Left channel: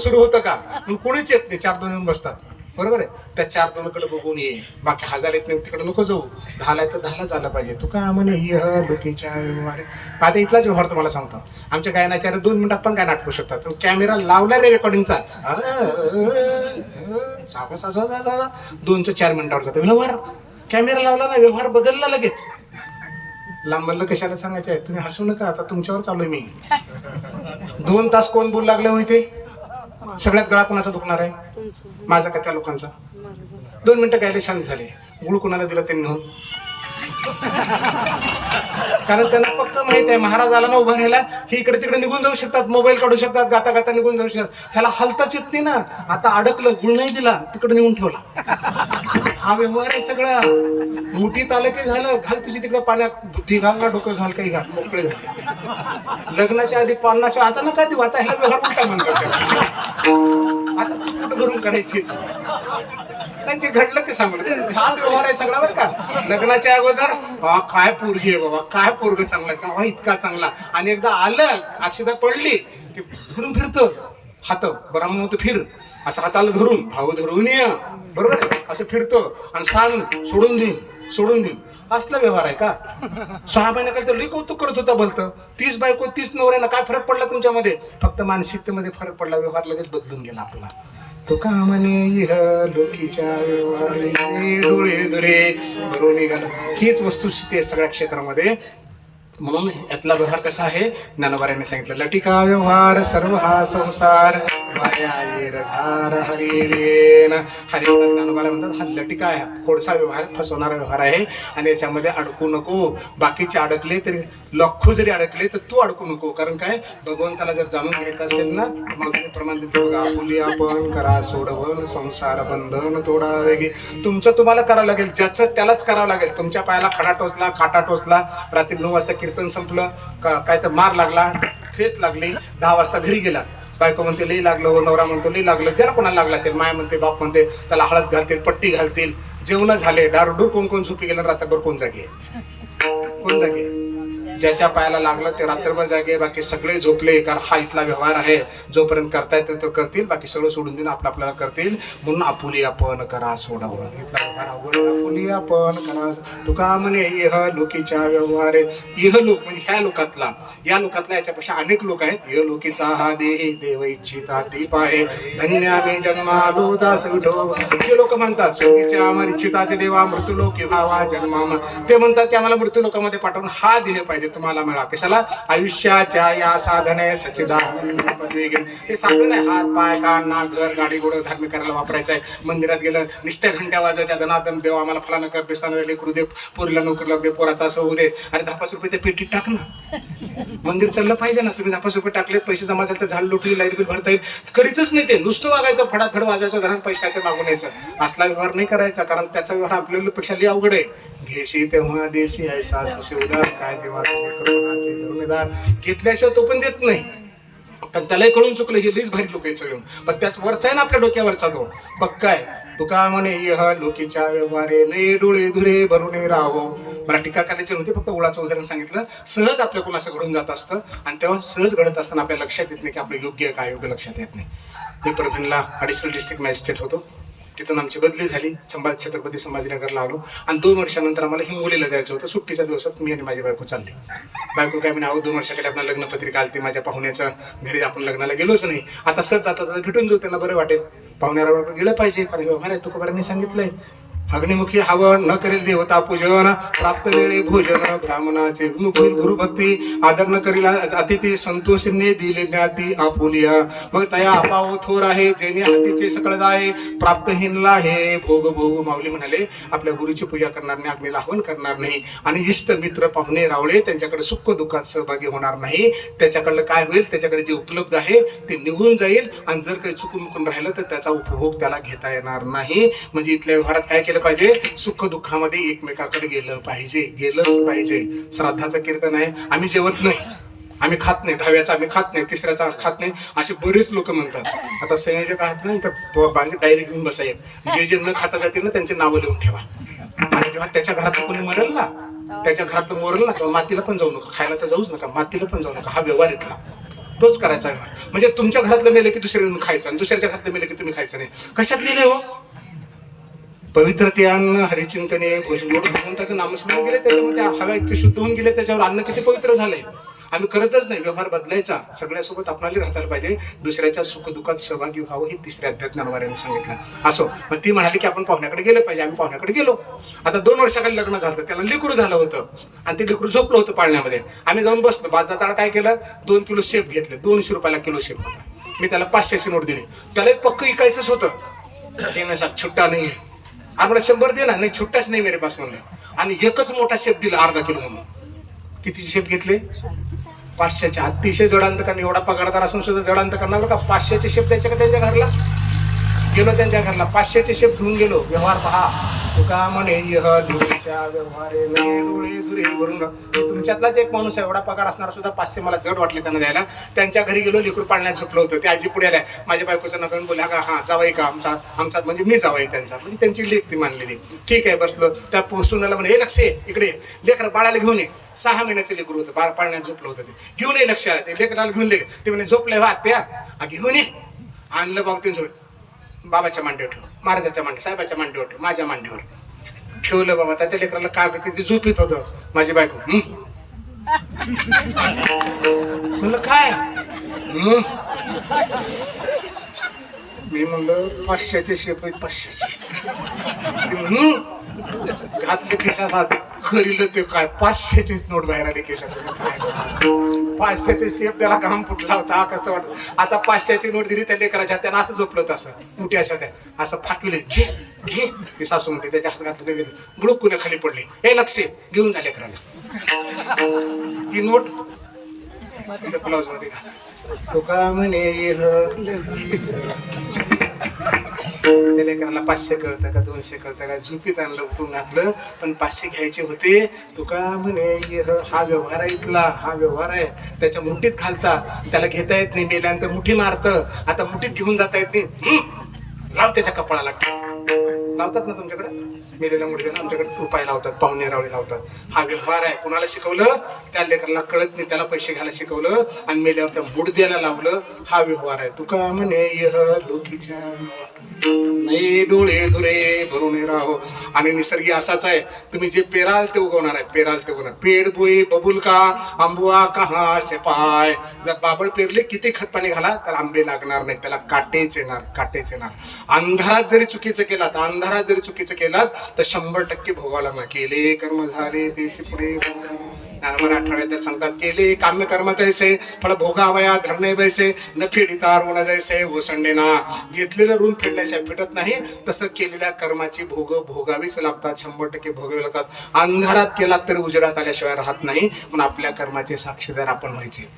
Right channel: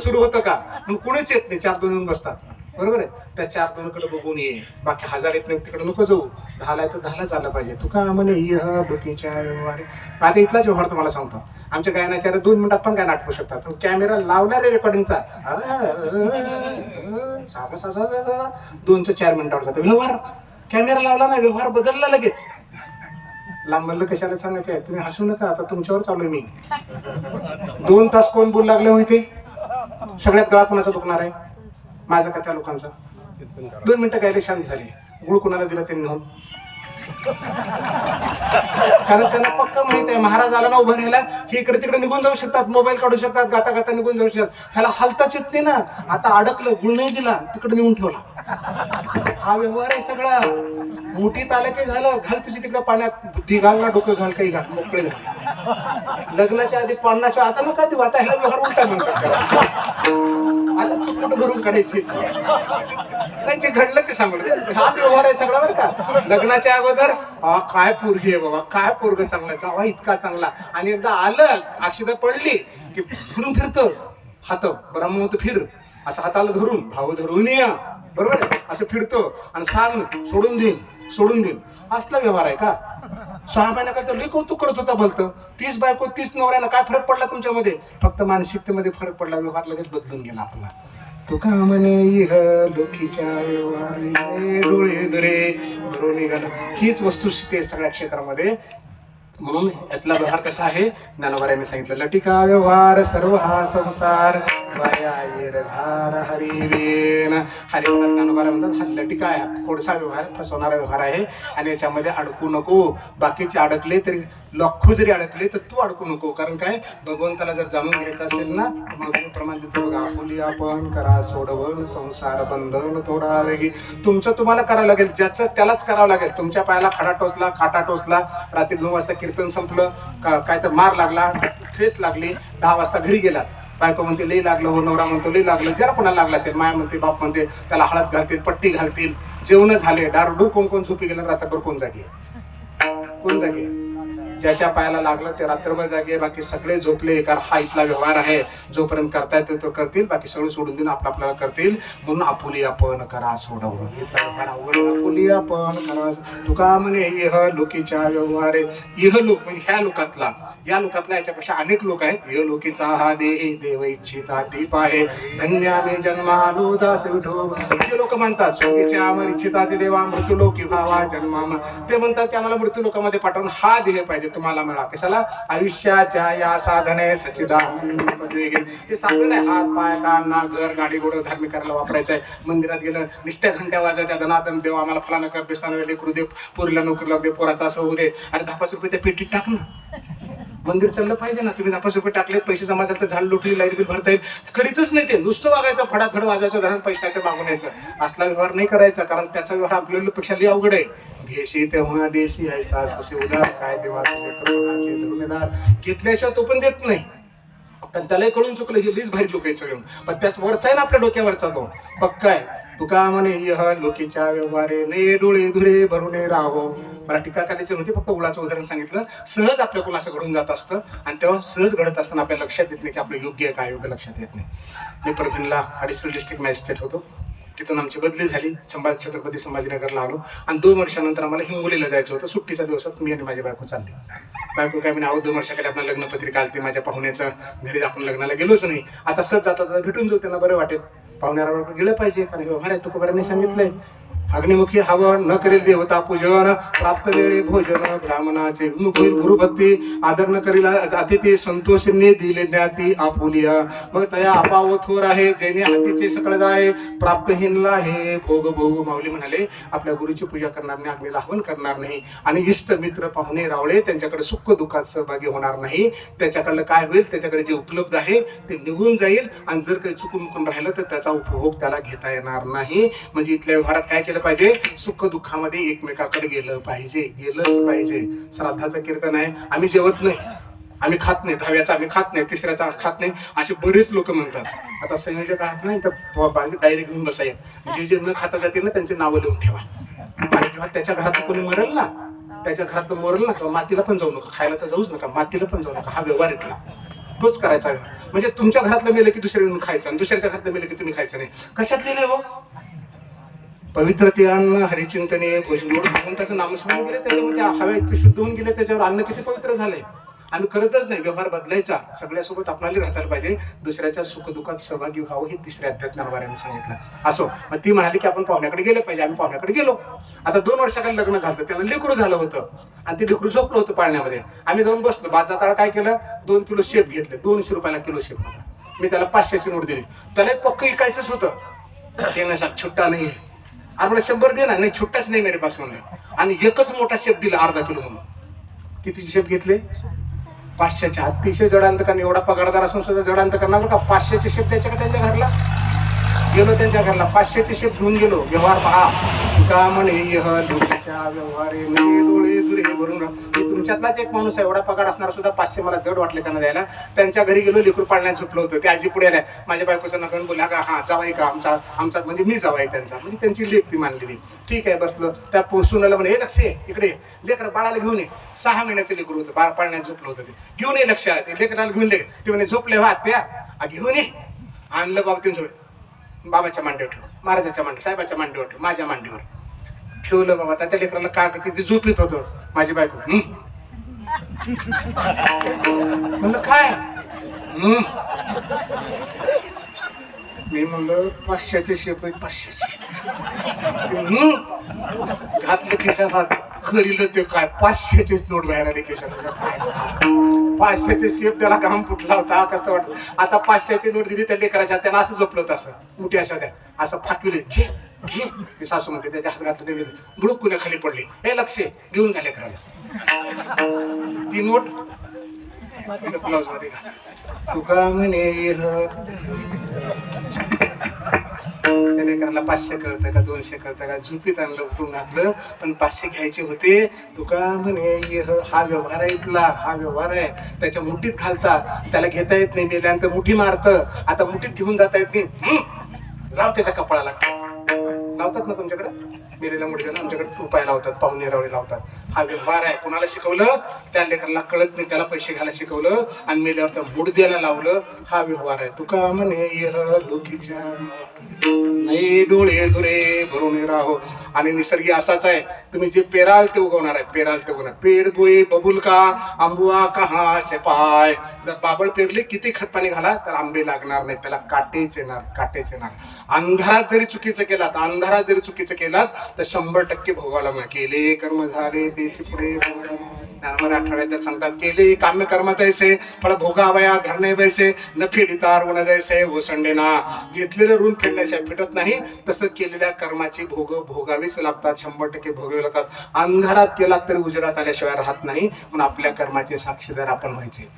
सुरू होतं का मग कोणीच येत नाही, 4 दोन बसतात बरोबर आहे. त्या 4 दोनकडे बघून ये, बाकी 1000 येत नाही तिकडे नको जाऊ. 10ला तर 10लाच आलं पाहिजे. तू काय म्हणे डोकीच्या व्यवहार आता इथलाच व्यवहार तुम्हाला सांगतो. आमच्या गायनाचार्य 2 मिनिटात पण गाणं आटपू शकतात. कॅमेरा लावला रे रेकॉर्डिंगचा 2 ते 4 मिनिटावर जातो व्यवहार. कॅमेरा लावला ना व्यवहार बदलला लगेच. लांबलं कशाला सांगायचे आहे, तुम्ही हसू नका. आता तुमच्यावर चालू मी 2 तास कोण बोलू लागले माहिती. सगळ्यात गळा कुणाचा दुखणार आहे, माझा का त्या लोकांचा. 2 मिनिटं गायले शांत झाले. गुळ कुणाला दिला त्यांनी म्हणून, कारण त्यांना पक्क माहित आहे महाराज आला ना उभा राहिला हे इकडे तिकडे निघून जाऊ शकतात, मोबाईल काढू शकतात, गाता गाता निघून जाऊ शकतात. ह्याला हलताच येत नाही ना. आता अडकलं, गुळ नाही दिला तिकडे निघून ठेवला. हा व्यवहार आहे सगळा. मुठीत आलं की झालं, घाल तुझी तिकडे पाण्यात, बुद्धी घाल ना, डोकं घाल, काही घाल, मोकळे घाल. लग्नाच्या आधी 50 आता नका देऊ. आता ह्याला व्यवहार उलटा म्हणतात. आता चुकट धरून काढायची त्यांचे घडलं ते सांगितलं. हाच व्यवहार आहे सगळा बरं का. लग्नाच्या अगोदर काय पोरगी आहे बाबा, काय पोरग चांगला, इतका चांगला. आणि एकदा आलं, अक्षता पडली की फिरून फिरतं हात, बरं म्हणून फिर असं हाताला धरून, भाऊ धरून ये बरोबर आहे, असं फिरतो आणि सांग सोडून देईन. असला व्यवहार आहे का. 6 महिन्याकडे तर लई कौतुक करत होता भलतं. 30 बायको 30 नवऱ्याला काय फरक पडला तुमच्यामध्ये. फक्त मानसिकतेमध्ये फरक पडला, व्यवहार लगेच बदलून गेला आपला. तो का म्हणे लोकीच्या व्यवहार डोळे दुरे भरून निघाल. हीच वस्तुस्थिती आहे सगळ्या क्षेत्रामध्ये. म्हणून यातला व्यवहार कसा आहे, ज्ञानोबाऱ्याने सांगितलं. लटिका व्यवहार सर्व हा संसार हरिवेन. ज्ञानोबाऱ्या म्हणतात हा लटिका आहे, थोडासा व्यवहार, फसवणारा व्यवहार आहे. आणि याच्यामध्ये अडकू नको. बाकीचे अडकले तरी, लाखो जरी अडकले तर तू अडकू नको. कारण काय, भगवंताला जर जाणून घ्यायचं असेल ना, मग प्रमाण देतो बघा. आपुली आपण करा सोडवण, संसार बंधन तोडा वेगी. तुमचं तुम्हाला करावं लागेल, ज्याचं त्यालाच करावं लागेल. तुमच्या पायाला खडा टोचला, खाटा टोचला, रात्री 9 वाजता कीर्तन संपलं, काय तर मार लागला, ठेस लागली, 10 वाजता घरी गेला. बायको म्हणते लई लागलं, हो नवरा म्हणतो लई लागलं. ज्याला कोणाला लागला असेल, माय म्हणते, बाप म्हणते, त्याला हळद घालतील, पट्टी घालतील. जेवण झाले, दारू कोण झोपी गेलं, रात्रभर कोण जागे. ज्याच्या पायाला लागलं ते रात्रभर जागे, बाकी सगळे झोपले. कारण हा इथला व्यवहार आहे, जोपर्यंत करता येतो तो करतील, बाकी सगळं सोडून देऊन आपल्याला करतील. म्हणून आपुली आपण करा सोडवून, इथला व्यवहार अवघड, आपुली आपण करा. तुका म्हणे इह लोकीच्या व्यवहार, इह लोक म्हणजे ह्या लोकातला, या लोकातला याच्यापेक्षा अनेक लोक आहेत. इह लोकीचा हा देही देव इच्छिता दीप आहे, धन्य आम्ही जन्मालो दास विठो. हे लोक म्हणतात स्वर्गीच्या अमर इच्छिता ते देवा मृत्यूलोकी व्हावा जन्माम. ते म्हणतात की आम्हाला मृत्यू लोकांमध्ये पाठवून हा देह पाहिजे तुम्हाला मिळा. कशाला? आयुष्याच्या या साधने सच्चिदानंद पदवी घेऊन. हे साधन आहे, हात पाय कान नाक घर गाडी घोडं धार्मिक करायला वापरायचं आहे. मंदिरात गेलं निस्त्या घंट्या वाजायच्या, धनाधन देव आम्हाला फलानं कर बेस्तानं लेकरू दे, पोरीला नोकरी लागू दे, पोराचा असं होऊ दे. अरे 10-5 रुपये त्या पेटीत टाक ना. मंदिर चाललं पाहिजे ना. तुम्ही 10-5 रुपये टाकले, पैसे जमा झाले तर झाड लोटली लाईट बिल भरता येईल. करीतच नाही ते, नुसतं वागायचं, फडाफड वाजायचं, धरण पैसे काय तर मागून यायचं. असला व्यवहार नाही करायचा, कारण त्याचा व्यवहार आपल्यापेक्षा लई अवघड आहे. घेशी तेव्हा देशी ऐसा ससे उदार, काय देवा तुझे करुणाचे धर्मेदार. घेतल्याशिवाय तो पण देत नाही, पण त्यालाही कळून चुकलं. हे लईच भारी लोक आहेत सगळे, पण त्याच वरचा आहे ना आपल्या डोक्यावरचा तो पक्का आहे. तुका म्हणे इह लोकीच्या व्यवहारे, नये डोळे धुरे भरून राहावं. मला टीका करायची नव्हती, फक्त उळाचं उदाहरण सांगितलं. सहज आपल्याकडून असं घडून जात असतं, आणि तेव्हा सहज घडत असताना आपल्या लक्षात येत नाही की आपलं योग्य आहे काय योग्य लक्षात येत नाही. मी परभणीला ॲडिशनल डिस्ट्रिक्ट मॅजिस्ट्रेट होतो. तिथून आमची बदली झाली, छत्रपती संभाजीनगरला आलो. आणि 2 वर्षानंतर आम्हाला हिंगोलीला जायचं होतं. सुट्टीच्या दिवसात मी आणि माझी बायको चालली. बायको काय म्हणे, 2 वर्षाकडे आपल्याला लग्नपत्रिका आली, माझ्या पाहुण्याच्या घरी आपण लग्नाला गेलोच नाही. आता सहज जातो भेटून जाऊ, त्यांना बरं वाटेल. पाहुण्याला गेलं पाहिजे, कारण व्यवहार आहे. तुकोबारांनी सांगितलंय, अग्निमुखी हवन न करेल देवता पूजन, प्राप्त वेळे भोजन ब्राह्मणाचे गुरुभक्ती, आदर न करील अतिथी, संतोषने दिले ज्ञाती आपुलिया. मग तया अपाव थोर आहे, जेणे हातीचे सकळ जाय, प्राप्त हिनला हे भोग भोग. माऊली म्हणाले, आपल्या गुरुची पूजा करणार नाही, अग्नीला हवन करणार नाही, आणि इष्ट मित्र पाहुणे रावळे त्यांच्याकडे सुख दुःखात सहभागी होणार नाही. त्याच्याकडलं काय होईल, त्याच्याकडे जे उपलब्ध आहे ते निघून जाईल, आणि जर काही चुकून राहिलं तर त्याचा उपभोग त्याला घेता येणार नाही. म्हणजे इथल्या व्यवहारात काय केलं पाहिजे, सुख दुःखामध्ये एकमेकाकडे गेलं पाहिजे, गेलंच पाहिजे. श्राद्धाचं कीर्तन आहे, आम्ही जेवत नाही, आम्ही खात नाही, 10व्याचा आम्ही खात नाही, 3ऱ्याचा खात नाही, असे बरेच लोक म्हणतात. आता संयोजक आहेत नाही तर डायरेक्ट घेऊन बसायचे, जे जे न खाता जातील ना त्यांची नावं लिहून ठेवा. आणि जेव्हा त्याच्या घरात कोणी मरेल ना, त्याच्या घरातलं मरेल ना, तेव्हा मातीला पण जाऊ नका, खायला तर जाऊच नका, मातीला पण जाऊ नका. हा व्यवहार इथला तोच करायचा. म्हणजे तुमच्या घरातलं मेलं की दुसऱ्या खायचं, आणि दुसऱ्याच्या घरातलं मेलं की तुम्ही खायचं नाही. कशात लिहिलंय हो? पवित्रते अन्न हरिचिंतने भोजन. एवढं भगवंताचं नामस्मरण गेले, त्याच्यामध्ये हवा इतकी शुद्ध होऊन गेले, त्याच्यावर अन्न किती पवित्र झालंय. आम्ही करतच नाही. व्यवहार बदलायचा, सगळ्यासोबत आपल्याला राहायला पाहिजे, दुसऱ्याच्या सुखदुःखात सहभागी व्हावं, हे 3ऱ्या अध्यात्म ज्ञानवाऱ्याने सांगितलं. असो, मग ती म्हणाली की आपण पाहुण्याकडे गेलं पाहिजे. आम्ही पाहुण्याकडे गेलो. आता 2 वर्षाखाली लग्न झालं, त्यांना लेकरू झालं होतं, आणि ते लेकरू झोपलं होतं पाळण्यामध्ये. आम्ही जाऊन बसलो. बाद जाताना काय केलं, 2 किलो शेप घेतले. 200 रुपयाला किलो शेप होता. मी त्याला 500ची नोट दिली. त्याला पक्क विकायचंच होतं. ते साहेब छुट्टा नाही आहे, आम्हाला 100 दिला नाही, छुट्टाच नाही मेरे पास म्हणलं. आणि एकच मोठा शेप दिला, अर्धा किलो म्हणून. किती शेप घेतले? 500चे. अतिशय जडांत करणं, एवढा पगारदार असून सुद्धा जडांत करणार का? 500चे शेप द्यायचे का त्यांच्या घरला? गेलो त्यांच्या घरला, 500चे शेप घेऊन गेलो. व्यवहार पहा. तुका म्हणे यह लोकीच्या व्यवहारे, डोळे धुरे भरून. तुमच्यातलाच एक माणूस एवढा पगार असणार सुद्धा 500 मला जड वाटले त्यांना द्यायला. त्यांच्या घरी गेलो, लेकरू पाळण्यात झोपलं होतं. ते आजी पुढे आल्या, माझ्या बायकोचं नका बोला का, हा जावाई का आमचा म्हणजे मी जावाई त्यांचा, म्हणजे त्यांची लेख ती मानलेली. ठीक आहे, बसलो. त्या सुनाला म्हणे, हे लक्ष इकडे, लेकर बाळाला घेऊन ये. 6 महिन्याचं लेकरू होतं, पाळण्यात झोपलं होतं. ते घेऊन ये लक्ष, ते लेकराला घेऊन ले. ते म्हणे झोपले हा त्या, घेऊन ये. आणलं बाबा, त्यांचं बाबाच्या मांडीवर ठेव, महाराजाच्या मांडी, साहेबाच्या मांडीवर ठेव, माझ्या मांडीवर ठेवलं. बाबा त्या लेकराला काय करते, ते झोपीत होतं. माझी बायको म्हणलं काय, मी म्हणलं 500चे शेप आहेत, 500चे. घातले खिशात, खरीलं ते काय 500चीच नोट बाहेर आली खिशात. 500चे शेप त्याला काम फुटला होता, कसं वाटत. आता 500ची नोट दिली त्या लेकराच्या, त्यानं असं झोपलं होतं, असं मोठी अशा त्या असं फाटविले. घे घे, ती सासू म्हणते, त्याच्या हात घातलं, ते दिलं, बुडुकुने खाली पडले. हे लक्ष घेऊन झाले लेकराला ती नोट ब्लाउज मध्ये घाल. तुका म्हणे त्या लेकराला 500 कळतं का 200 कळतं का, झोपीत आणलं, उठून घातलं, पण 500 घ्यायचे होते. तुका म्हणे हा व्यवहार आहे इथला, हा व्यवहार आहे. त्याच्या मुठीत घालतात, त्याला घेता येत नाही, मेल्यानंतर मुठी मारतं. आता मुठीत घेऊन जाता येत नाही, लाव त्याच्या कपाळाला, लाव लावतात ना तुमच्याकडे, मेलेल्या मुडद्याला आमच्याकडे उपाय लावतात, पाहुणे रावळे लावतात. हा व्यवहार आहे. कुणाला शिकवलं? त्या लेकराला कळत नाही, त्याला पैसे घ्यायला शिकवलं आणि मेल्यावर त्या मुडद्याला लावलं. हा व्यवहार आहे. तुका म्हणे यह लोकीच्या नाही डोळे धुरे भरून राहाव. आणि निसर्गी असाच आहे, तुम्ही जे पेराल ते उगवणार आहे, पेराल ते उगवणार. पेड बोई बबुल का आंबुआ कहा से पाय. जर बाबळ पेरले किती खत पाणी घाला तर आंबे लागणार नाही, त्याला काटेच येणार, काटेच येणार. अंधारात जरी चुकीचं केलात, अंधारात जरी चुकीचं केलात तर 100% भोगावं लागणार. केले कर्म झाले ते चिकडे. ज्ञानोबा 18व्या सांगतात, केले काम्य कर्म तैसे फळ भोगावया धरणे बैसे न फेडिता ऋण जैसे ओसंडेना. घेतलेलं ऋण फेडण्याशिवाय फिटत नाही, तसं केलेल्या कर्माची भोगावीच लागतात, 100% भोगावी लागतात. अंधारात केलात तरी उजेडात आल्याशिवाय राहत नाही. म्हणून आपल्या कर्माचे साक्षीदार आपण व्हायचे.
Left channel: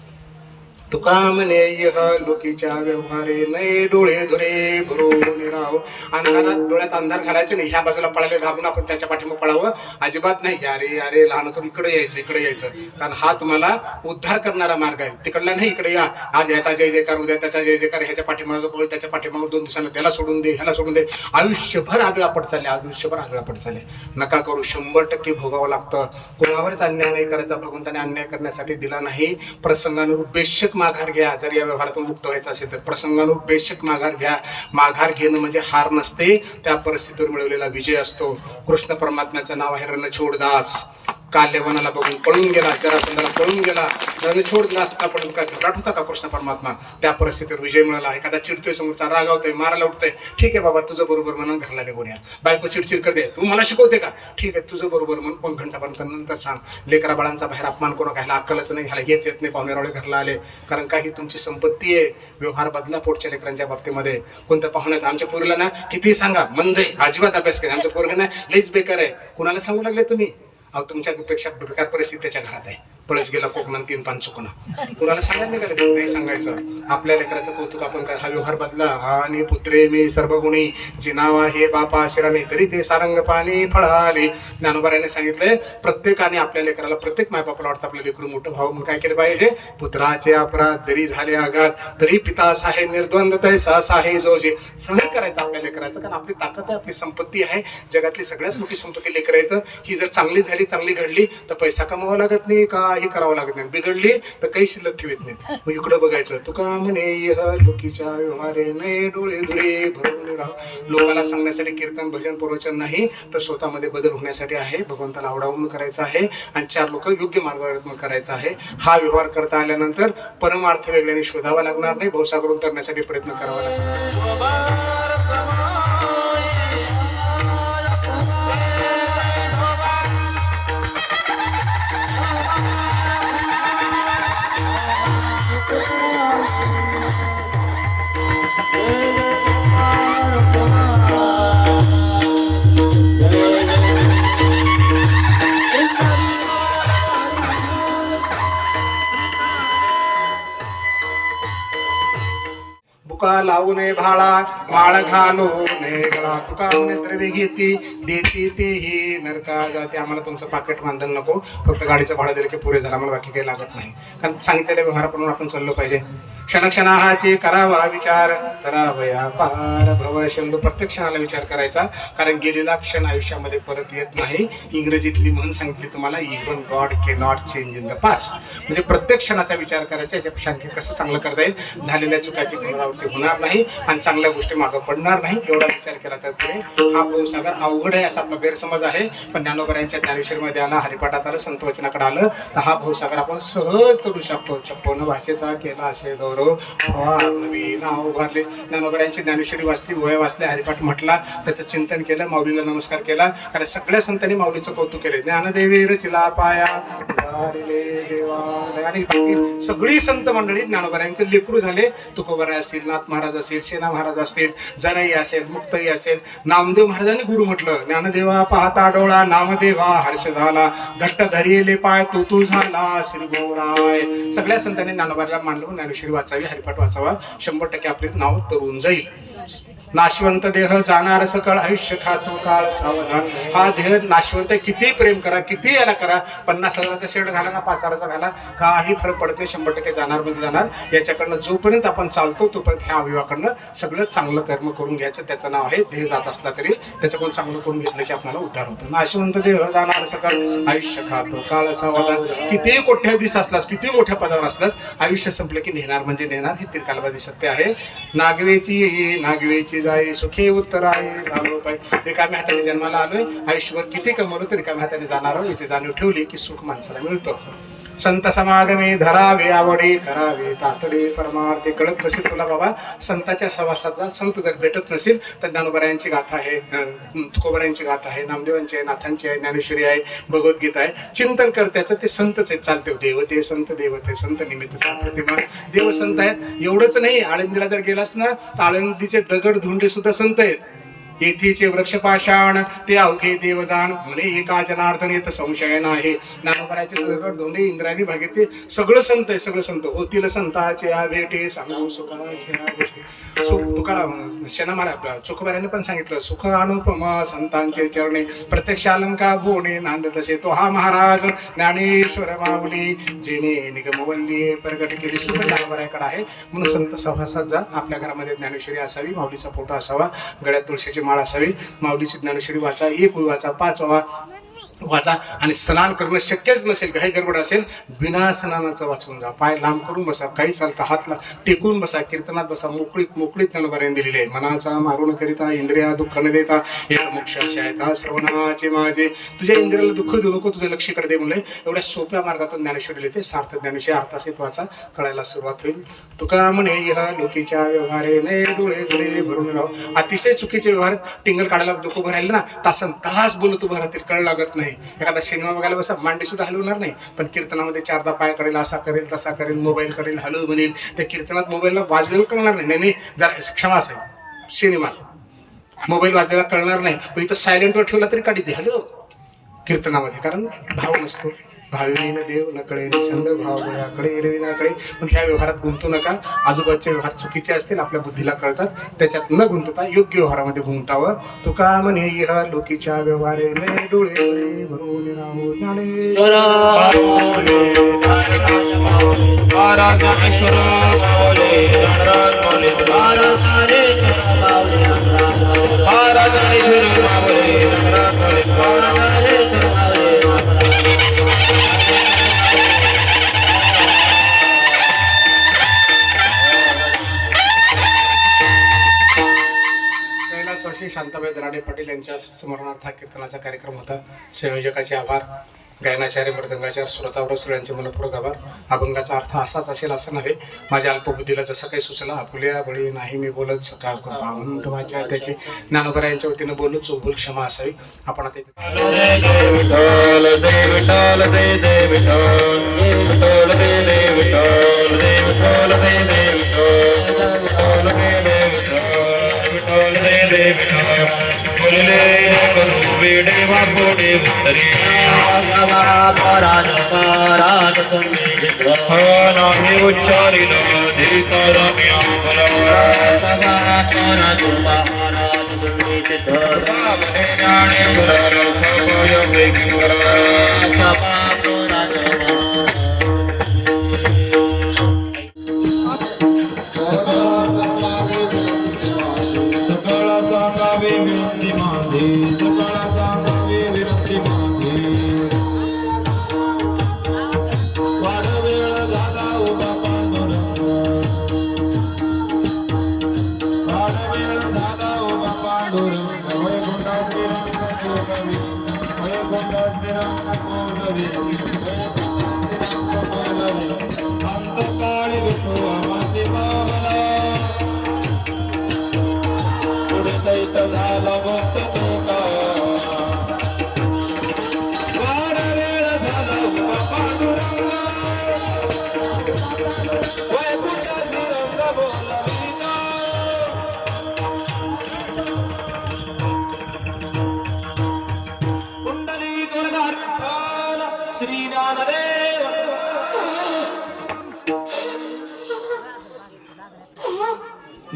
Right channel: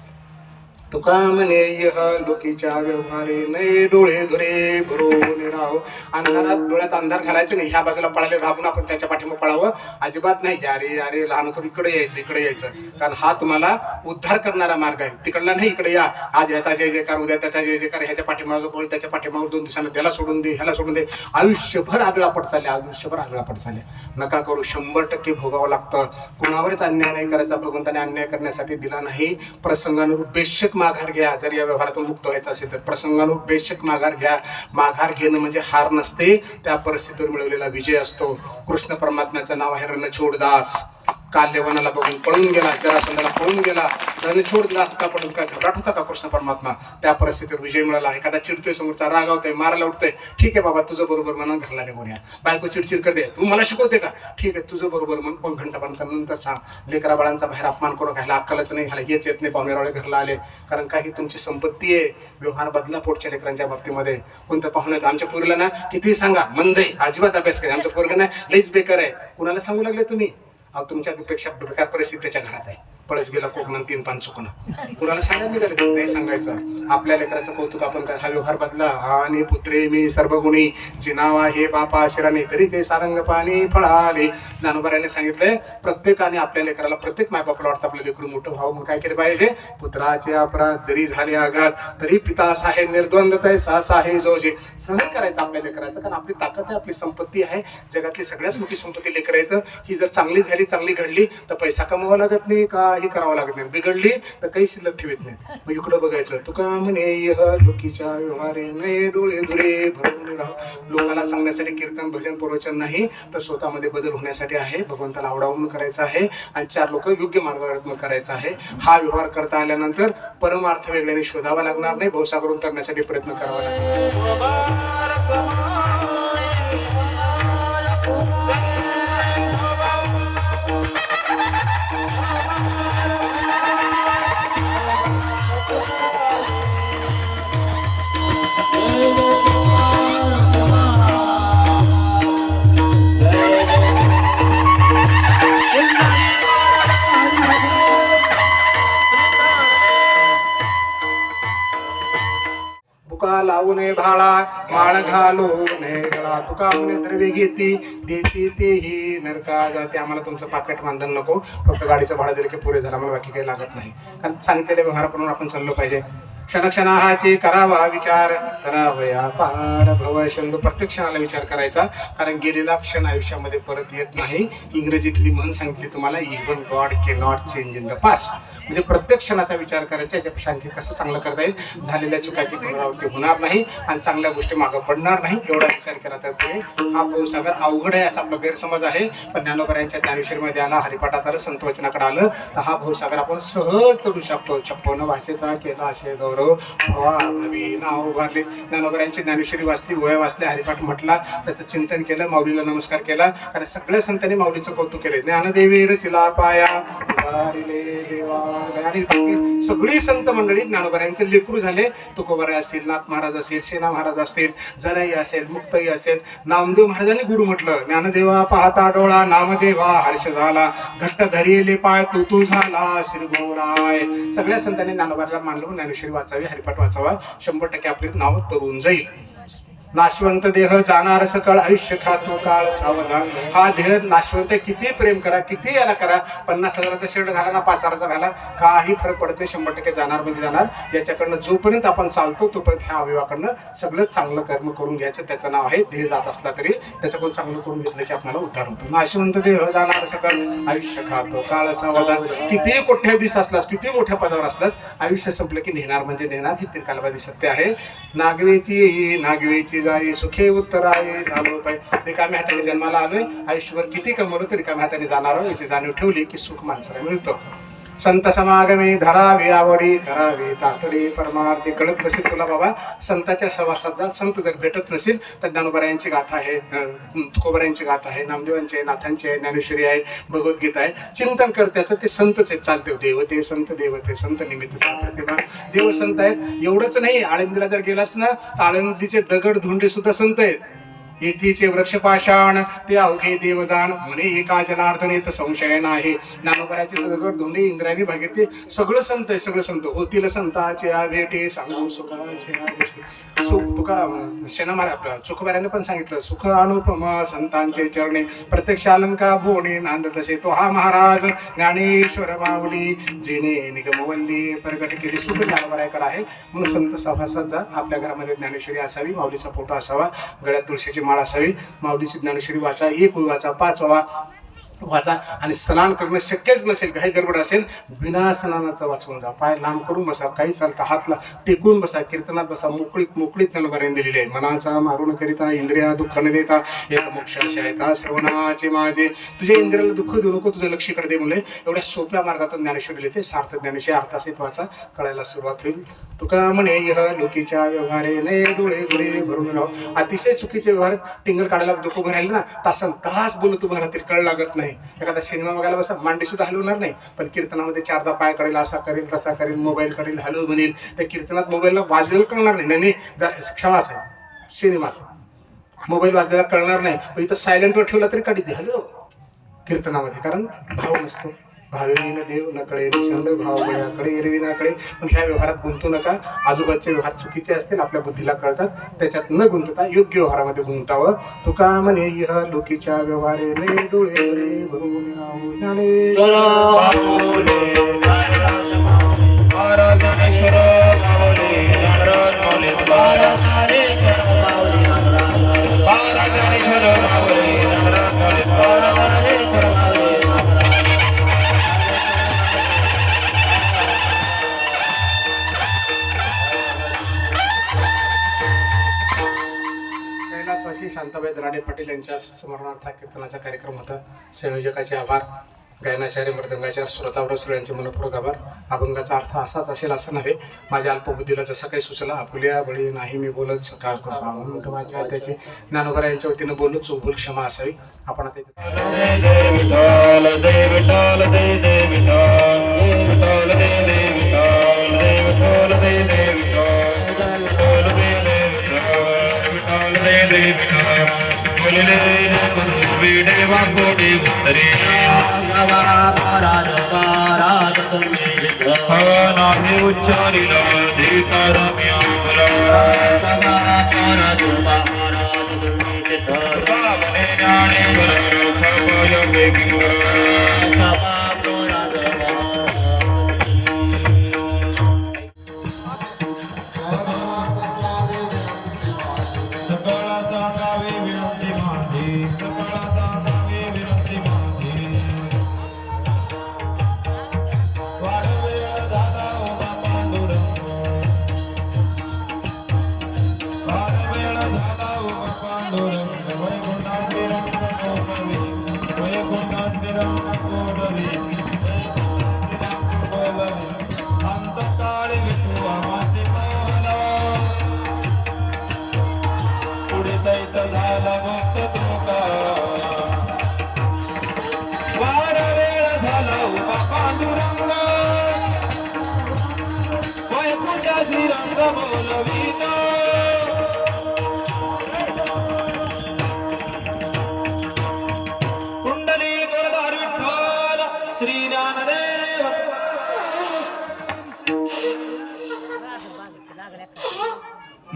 तुका म्हणे यह लोकीच्या व्यवहारे नाही डोळे धुरे भरून राहो. अंधारात डोळ्यात अंधार घालायचे नाही. ह्या बाजूला पळाले धावून आपण त्याच्या पाठीमागे पळावं अजिबात नाही. अरे अरे लहान तर इकडे यायचं, इकडे यायचं, कारण हा तुम्हाला उद्धार करणारा मार्ग आहे. तिकडला नाही, इकडे या. आज याचा जय जयकार, उद्या त्याचा जय जयकार, ह्याच्या पाठीमागं पळ, त्याच्या पाठीमागं 2 दिवसांनी त्याला सोडून दे, ह्याला सोडून दे. आयुष्यभर आगळा पट चालले, आयुष्यभर आगळा पट चालले. नका करू. 100% भोगावं लागतं. कोणावरच अन्याय नाही करायचा. भगवंताने अन्याय करण्यासाठी दिला नाही. प्रसंगानुरूप बेशक माघार घ्या. जर या व्यवहारातून मुक्त व्हायचं असेल तर प्रसंगानुरूप बेशक माघार घ्या. माघार घेणं म्हणजे हार नसते, त्या परिस्थितीवर मिळवलेला विजय असतो. कृष्ण परमात्म्याचं नाव आहे रणछोडदास. काल्यवनाला बघून पळून गेला, जरासंधाला पळून गेला. रणछोडदास पकडून काय घरात होता का कृष्ण परमात्मा? त्या परिस्थितीवर विजय मिळाला. एखादा चिडतोय, समोरचा रागावतोय, मारायला उठतोय, ठीक आहे बाबा तुझं बरोबर म्हणून घरला निघून या. बायको चिडचिड करते, तू मला शिकवते का? ठीक आहे तुझं बरोबर म्हणून 2 घंटापर्यंत नंतर सांग. लेकरा बाळांचा बाहेर अपमान करून घ्यायला अक्कलच नाही, ह्याला हेच येत नाही, पाहुणेरावळे घरला आले. कारण काही तुमची संपत्ती आहे. व्यवहार बदला पोटच्या लेकरांच्या बाबतीमध्ये. कोणत्या पाहुण्यात आमच्या पोरीला ना किती सांगा मंद आहे, अजिबात अभ्यास करे, आमच्या पोरगा ना लईच बेकार आहे. कुणाला सांगू लागले तुम्ही? तुमच्यापेक्षा बेकार परिस्थिती त्याच्या घरात आहे. पळस गेला कोकणात 3 पान चुकून. कुणाला सांगायला निघाले? नाही सांगायचं. आपल्या लेकराचं कौतुक आपण काय. हा व्यवहार बदला. आणि पुत्रे मी सर्वगुणी जिनावा हे बापा शिराने तरी ते सारंग पाणी फळाले. ज्ञानोबाने सांगितलंय, प्रत्येकाने आपल्या लेकराला, प्रत्येक मायबापाला वाटतं आपलं लेकरू मोठं व्हावं. मग काय केलं पाहिजे? पुत्राचे अपराध जरी झाले आघात तरी पिता साहे निर्द्वंद तैसा साहे जोजे. सहन करायचं आपल्या लेकराचं, कारण आपली ताकद आहे, आपली संपत्ती आहे. जगातली सगळ्यात मोठी संपत्ती लेकर येतं. ही जर चांगली झाली, चांगली घडली तर पैसा कमवावा लागत नाही, काही करावं लागत नाही. बिघडली तर काही शिल्लक ठेवत नाहीत. मग इकडं बघायचं. तुका म्हणे यह लोकीच्या व्यवहारे नाही डोळे धुरे भरून राहा. लोकांना सांगण्यासाठी कीर्तन भजन प्रवचन नाही, तर स्वतःमध्ये बदल होण्यासाठी आहे. भगवंताला आवडावून करायचं आहे आणि 4 लोक योग्य मार्गावर करायचं आहे. हा व्यवहार करता आल्यानंतर परमार्थ वेगळ्याने शोधावा लागणार नाही, भवसागर उतरण्यासाठी प्रयत्न करावा लागणार. लावूने भाळा माळ घालूने गळा. तुका म्हणे द्रव्य घेती देती तेही नरका जाते. आम्हाला तुमचं पाकिट मानधन नको, फक्त गाडीचं भाडं दिलं की पुरे झालं, आम्हाला बाकी काही लागत नाही. कारण सांगितलेल्या व्यवहाराप्रमाणे आपण चाललो पाहिजे. क्षणक्षणाचे करावा विचार करावया पार भव शंभू. प्रत्येक क्षणाला विचार करायचा, कारण गेलेला क्षण आयुष्यामध्ये परत येत नाही. इंग्रजीतली म्हण सांगितली तुम्हाला, even God K not change in the past. म्हणजे प्रत्येक क्षणाचा विचार करायचा, याच्यापेक्षा आणखी कसं चांगलं करता येईल, झालेल्या चुकाची पुनरावृत्ती होणार नाही आणि चांगल्या गोष्टी मागं पडणार नाही, एवढा विचार केला तर पुढे हा भवसागर अवघड आहे असा आपला गैरसमज आहे. पण ज्ञानोबरायांच्या ज्ञानेश्वरीमध्ये आला, हरिपाठात आलं, संतवचनाकडे आलं, तर हा भवसागर आपण सहज करू शकतो. 56 भाषेचा केला असे गौरव नवीन उभारले. ज्ञानोबरायांची ज्ञानेश्वरी वाचली, वय वाचले, हरिपाठ म्हटला, त्याचं चिंतन केलं, माऊलीला नमस्कार केला. कारण सगळ्या संतांनी माऊलीचं कौतुक केले. ज्ञानदेवी रचिला पाया आणि सगळी संत मंडळी ज्ञानोबरायांचे लेकरू झाले. तुकोबराय असेल, नाथ महाराज असेल, सेना महाराज असतील, जराई असेल, मुक्ताई असेल. नामदेव महाराजांनी गुरु म्हटलं, ज्ञानदेवा पाहता डोळा नामदेवा हर्ष झाला, घट्ट धरिले पाय तू झाला श्री गोराय. सगळ्या संतांनी ज्ञानोबाला मानलं, ज्ञानेश्वरी वाचावी, हरिपाठ वाचावा, 100% आपले नाव तरुण जाईल. नाशवंत देह जाणार सकळ आयुष्य खातो काळ सावधान. हा देह नाशवंत आहे, किती प्रेम करा, किती याला करा, 50,000चा शेड घाला ना 5,000चा घाला, काही फरक पडत नाही. 100% जाणार म्हणजे जाणार. याच्याकडनं जोपर्यंत आपण चालतो तोपर्यंत ह्या अवयवाकडनं सगळं चांगलं कर्म करून घ्यायचं. त्याचं नाव आहे देह. जात असला तरी त्याच्याकडून चांगलं करून घेतलं की आपल्याला उद्धार होतो. नाशवंत देह जाणार सकळ आयुष्य खातो काळ सावधान. किती कोट्याधीश असलास, किती मोठ्या पदावर असलास, आयुष्य संपलं की नेणार म्हणजे नेणार. हे त्रिकालवादी सत्य आहे. नागवेची ये नागवेची जाई सुखी उत्तर आहे झालो पाय. रिकाम्या हाताने जन्माला आलोय, आयुष्यभर किती कमवलं तरी रिकाम्या हाताने जाणार याची जाणीव ठेवली की सुख माणसाला मिळतं. संत समागमे धरावे आवडी करावे तातडे परमार्थे. कळत नसेल तुला बाबा संतांच्या सहवासात जा. संत जर भेटत नसेल तर ज्ञानोबरायांची गाथा आहे, तुकोबरायांची गाथा आहे, नामदेवांची आहे, नाथांची आहे, ज्ञानेश्वरी आहे, भगवद्गीता आहे. चिंतन कर त्याचं. ते संतच आहेत. चालते देवते संत देवते संत निमित्त प्रतिमा. देव संत आहेत. एवढंच नाही, आळंदीला जर गेलास ना आळंदीचे दगड धोंडे सुद्धा संत आहेत. येथीचे वृक्ष पाषाण ते अवघे देवजान म्हणे एका जनार्दन येत संशय नाही. ज्ञानोबराचे दगड धोंडे इंद्रायणी भागीरथी सगळं संत आहे. सगळं संत होतील संताचे भेटे सांगू तुका शेणामारा आपल्या चुकबाऱ्याने पण सांगितलं सुख अनुपम संतांचे चरणे प्रत्यक्ष अलंका बोणे नांद तसे तो हा महाराज ज्ञानेश्वर माऊली जिने निगमवल्ली प्रगट केली. सुख ज्ञानोबराकडे आहे. म्हणून संत सहवासात जा. आपल्या घरामध्ये ज्ञानेश्वरी असावी, माऊलीचा फोटो असावा, गळ्यात तुळशीची माळ असावी, माऊलीची ज्ञानेश्वरी वाचा, एक वाचा, 5 वाचा. आणि स्नान करणं शक्यच नसेल, काही गडबड असेल, बिना स्नानाचं वाचवून जा. पाय लांब करून बसा, काही चालता हातला टेकून बसा, कीर्तनात बसा. मोकळीत ज्ञानोबराने दिलेली आहे. मनाचा मारून करिता इंद्रिया दुःख न देता एक मोक्ष असे आहेत श्रवणाचे माझे. तुझ्या इंद्रियाला दुःख देऊ नको, तुझं लक्ष इकडे दे. मुले एवढ्या सोप्या मार्गातून ज्ञानेश्वरी लिहिते. सार्थ ज्ञानेश्वरी अर्थासहित वाचा, कळायला सुरुवात होईल. तुका म्हणे लोकीच्या व्यवहारे ने डोळे डोळे भरून राहू. अतिशय चुकीचे व्यवहार टिंगल काढायला डोकं भरायला ना तासन तास बोलत उभं राहतील, कळ लागत नाही. एखादा सिनेमा बघायला बसा, मांडी सुद्धा हलवणार नाही, पण कीर्तनामध्ये 4दा पाय करेल, असा करेल तसा करेल, मोबाईल करेल, हलव म्हणेल. त्या कीर्तनात मोबाईलला वाजलेलं कळणार नाही. जरा क्षमा असेल. सिनेमात मोबाईल वाजलेला कळणार नाही, पण इथं सायलेंटवर ठेवला तरी काढीचे हॅलो कीर्तनामध्ये, कारण भाव नसतो. भाविन देव नकळे निसंद भाव गुणाकडे एरवी नाकडे. पण ह्या व्यवहारात गुंतू नका. आजूबाजूचे व्यवहार चुकीचे असतील, आपल्या बुद्धीला कळतात, त्याच्यात न गुंतता योग्य व्यवहारामध्ये गुंतावं. तुका म्हणे यह लोकीच्या व्यवहारे ने डोळे भरून राहू ज्ञानेश्वर. शांताबाई दराडे पाटील यांच्या स्मरणार्थ हा कीर्तनाचा कार्यक्रम होता. संयोजकाचे आभार, गायनाचार्य मृदंगाचार्य श्रोतावर सगळ्यांचे मनपूर्वक आभार. अभंगाचा अर्थ असाच असेल असं नव्हे, माझ्या अल्पबुद्धीला जसं काही सुचला आकुल्या बळी नाही मी बोलत सकाळ करून वाचा त्याची ज्ञानोबरा यांच्या वतीनं बोललो, चोखभूल क्षमा असावी. आपण आता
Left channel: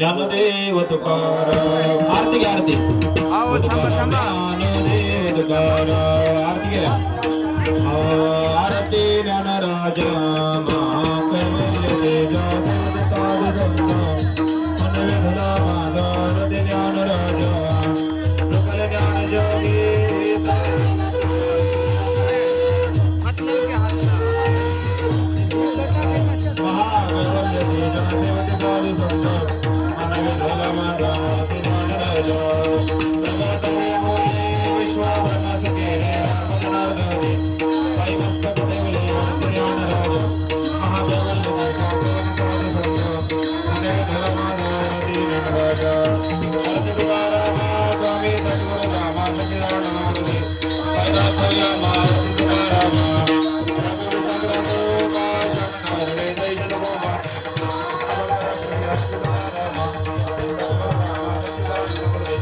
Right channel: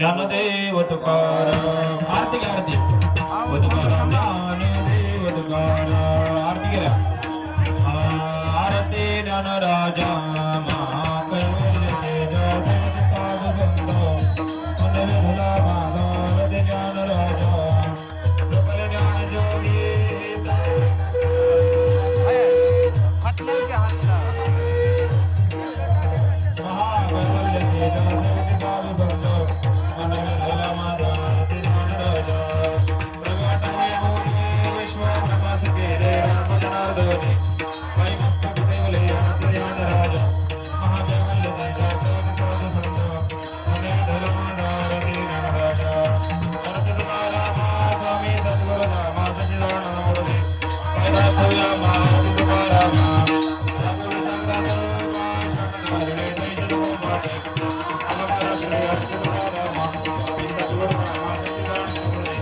ज्ञानदेव तुकाराम. आरती घ्या आरती. अहो थांबा थांबा. ज्ञानदेव तुकाराम. आरती घ्या. आरती ज्ञानराजा महाकैवल्य तेजा सिद्ध साधू संत मन विधला माझा रती ज्ञानराजा लोकल ज्ञान ज्योती हात लाव की हात लाव. महाकैवल्य तेजा सिद्ध साधू संत मन विधला माझा रती ज्ञानराजा प्रगटले मोरे विश्वब्रह्मास केले राम जनार्दनी पायी मस्तक ठेवले रती ज्ञानराजा महाकैवल्य तेजा सिद्ध साधू संत मन विधला माझा रती ज्ञानराजा शरद तुकाराम स्वामी सद्गुरु रामा सचिदानंद मूर्ती पायी दाखवला मार्ग तुकाराम रघुवीर सगळं शंकर जय जगन्नाथ अवतार श्री तुकाराम स्वामी सद्गुरु रामा सचिदानंद मूर्ती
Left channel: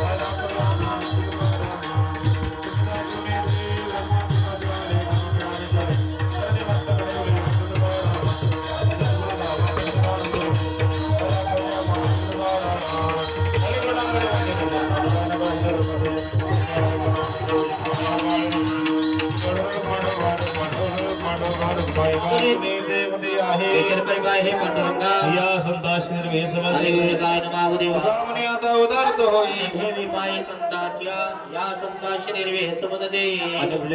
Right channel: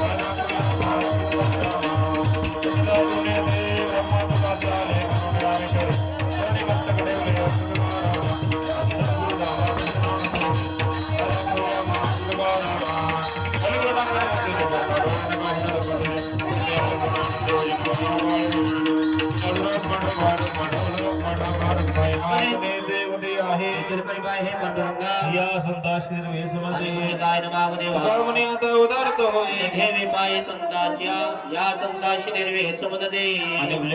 पायी दाखवला मार्ग तुकाराम सचिदानंद देव मोठ बसले करुणाविषय शरणी मस्तक ठेवले तुकाराम सद्गुरु रामा सचिदानंद मूर्ती पायी दाखवला मार्ग तुकाराम या संतास निर्वेशमध्ये कर्मणे आता उदारत होई आणि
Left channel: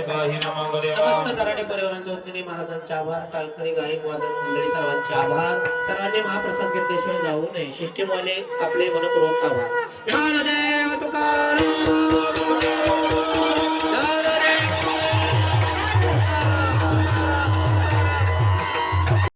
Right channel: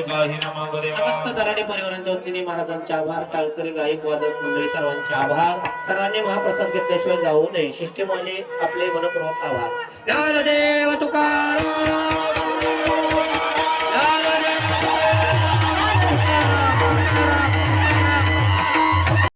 काही न मागणे परिवारांच्या वतीने महाराजांचे आभार. टाळकरी गायक वादक मंडळी सर्वांचे आभार. सर्वांनी महाप्रसाद घेतल्याशिवाय जाऊ नये. शिष्टमंडळी आपले मनपूर्वक आभार. ज्ञानदेव तुकाराम.